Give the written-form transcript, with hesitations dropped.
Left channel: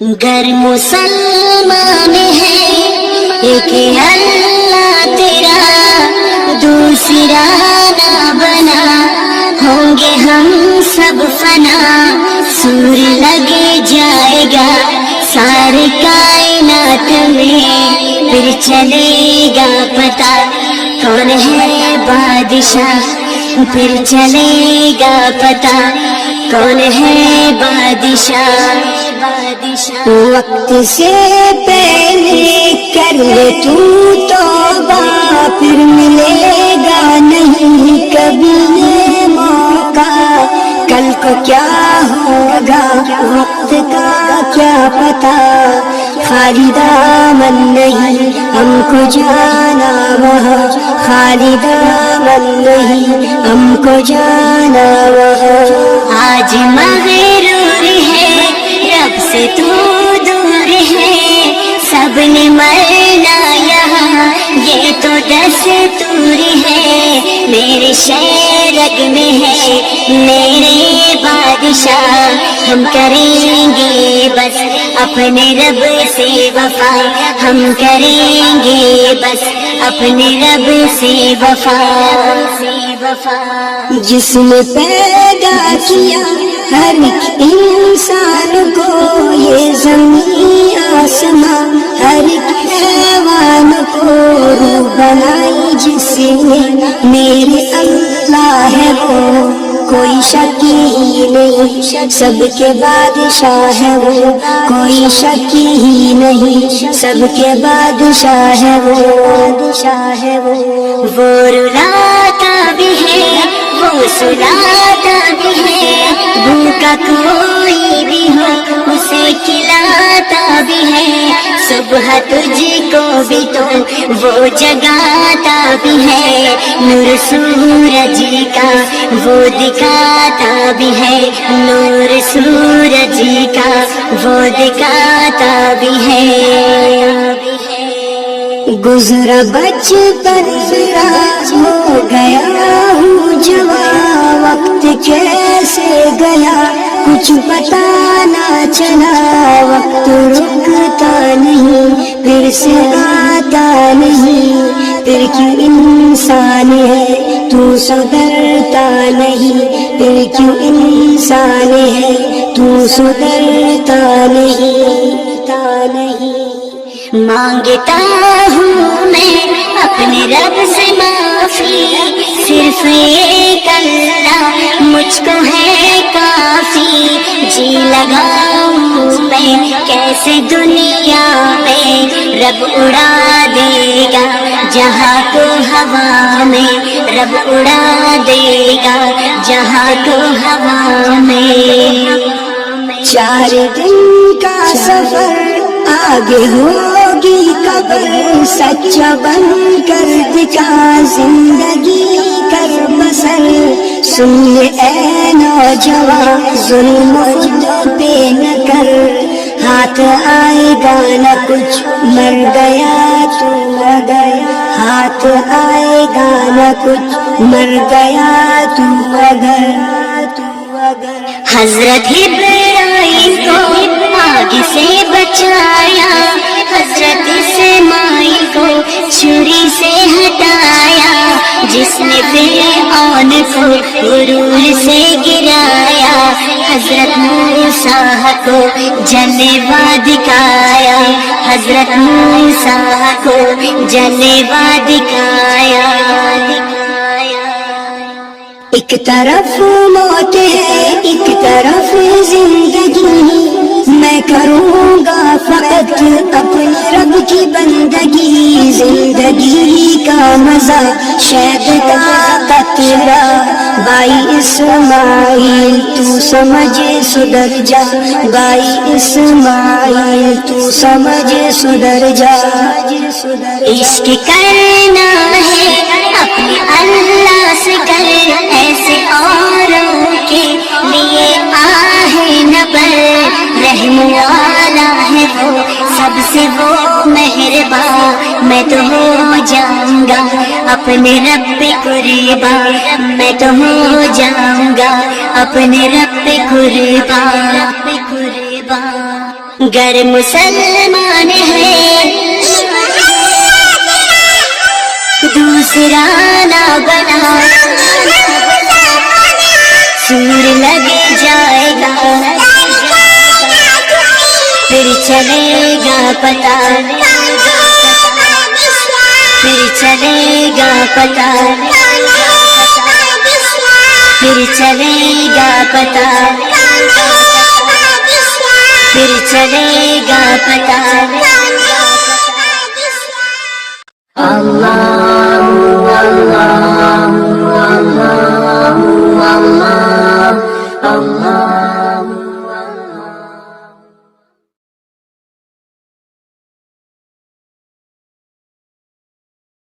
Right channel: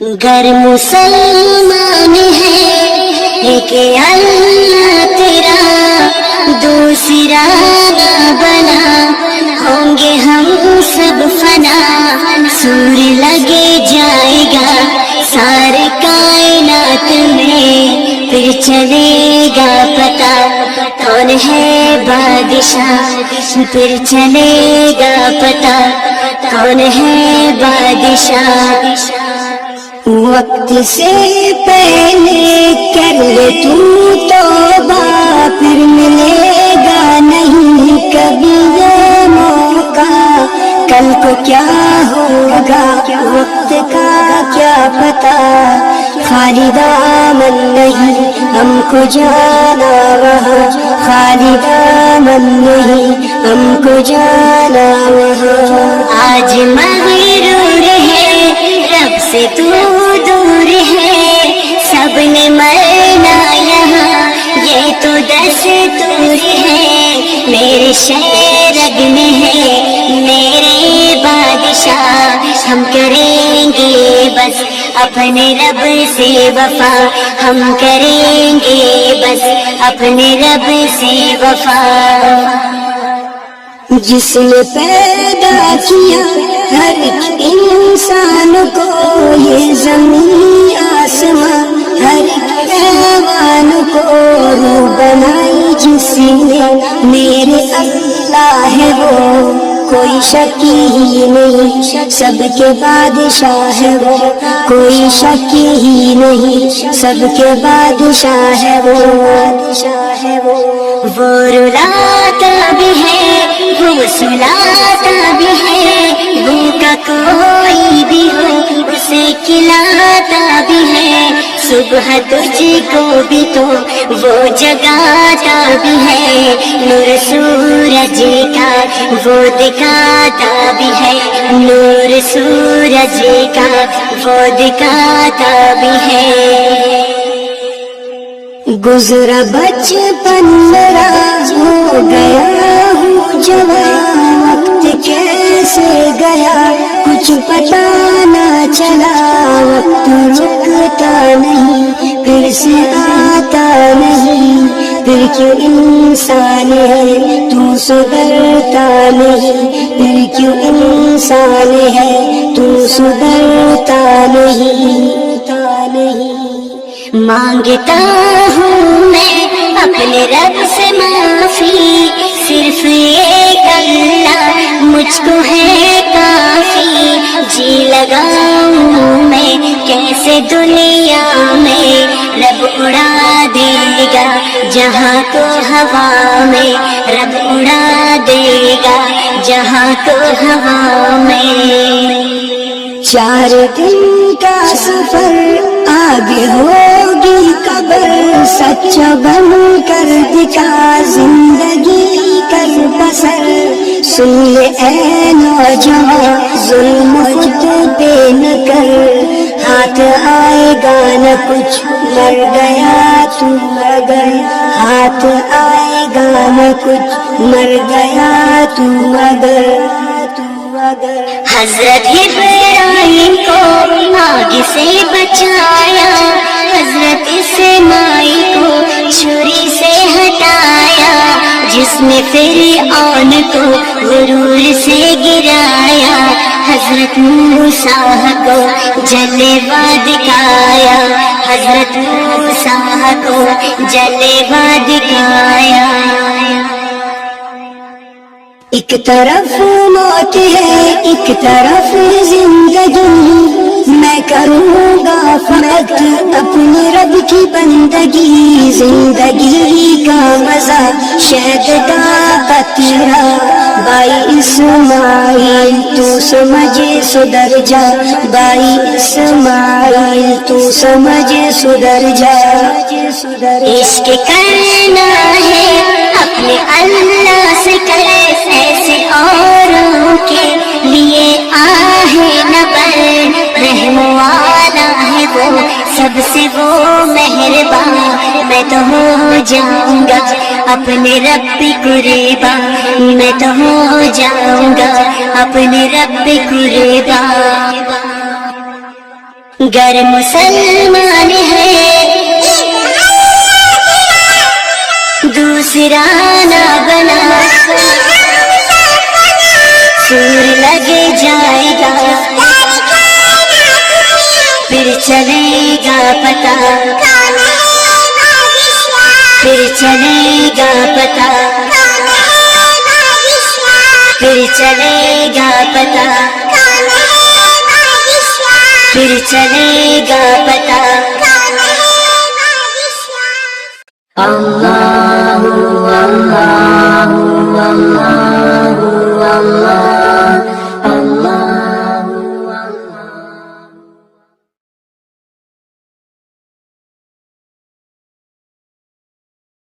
گر مسلمان ہے لیکن اللہ تیرا دوسرا نہ بنا، ہوں گے ہم سب فنا، سور لگے جائے گا سارے کائنات میں، پھر چلے گا پتا کون ہے بادشاہ، پھر چلے گا پتا کون ہے بادشاہ۔ وقت سے پہلے کر لے تو توبہ، پھر ملے گا نہیں کبھی یہ موقع، کل کو کیا ہوگا وقت کا کیا پتا، خالی دامن نہیں ہم کو جانا وہاں، خالی دامن نہیں ہم کو جانا وہاں۔ آج مغرور ہے رب سے تو دور ہے، سب نے مرنا یہاں یہ تو دستور ہے، میرے شہرگ میں ہے میرے بادشاہ، ہم کریں گے بس اپنے رب سے وفا، ہم کریں گے بس اپنے رب سے وفا۔ جس نے پیدا کیا ہر ایک انسان کو، یہ زمین آسمان ہر ایک حیوان کو، بنائی جس نے میرے اللہ ہے وہ، کوئی شکی ہی نہیں سب کے بادشاہ ہے وہ، کوئی شکی ہی نہیں سب کے بادشاہ ہے وہ رلاتا بھی ہے وہ سلاتا بھی ہے، بھوکا کوئی بھی ہو اسے کھلاتا بھی ہے، صبح تجھ کو بھی تو وہ جگاتا بھی ہے، نور سورج کا وہ دکھاتا بھی ہے، نور سورج کا وہ دکھاتا بھی ہے۔ گزرا بچپن میرا ہو گیا ہوں جوان، وقت کیسے گیا کچھ پتا نہ چلا، وقت رکتا نہیں پھر سے آتا نہیں، پھر کیوں انسان ہے تو سدھرتا نہیں، پھر کیوں انسان ہے تو سدھرتا نہیں۔ مانگتا ہوں میں اپنے رب سے معافی، صرف ایک اللہ مجھ کو ہے کافی، جی لگاؤں میں کیسے دنیا میں، رب اڑا دے گا جہاں کو ہوا میں، رب اڑا دے گا جہاں کو ہوا میں۔ 4 دن کا سفر آگے ہوگی قبر، سچا بن کر دکھا زندگی کر بسر، سن لے اے نوجوان ظلم خود پہ نہ کر، ہاتھ آئے گا نہ کچھ مر گیا تو اگر، ہاتھ آئے گا نہ کچھ مر گیا تو اگر۔ حضرت ابراہیم کو آگ سے بچایا، حضرت اسماعیل کو چھری سے ہٹایا، جس نے فرعون کو غرور سے گرایا، حضرت موسیٰ کو جلوہ دکھایا، حضرت موسیٰ کو جلوہ دکھایا۔ ایک طرف موت ہے ایک طرف زندگی، میں کروں گا فقط اپنے رب کی بندگی، زندگی کا مزہ شہد کا قطرہ، بھائی اسماعیل تو سمجھ سدھر جا، بھائی اسماعیل تو سمجھ سدھر جا۔ عشق کرنا ہے اپنے اللہ سے کر، ایسے اوروں کے لیے آہ نہ بر، رحم والا ہے وہ سب سے وہ مہربان، میں تو ہو جاؤں گا اپنے رب قربان، میں تو ہو جاؤں گا اپنے رب قربان۔ گر مسلمان ہے دوسرا نہ بنا، سور لگ جائے گا پھر چلے گا پتا، پھر چلے گا پتا، پھر چلے گا پتا، پھر چلے گا پتا۔ اللہ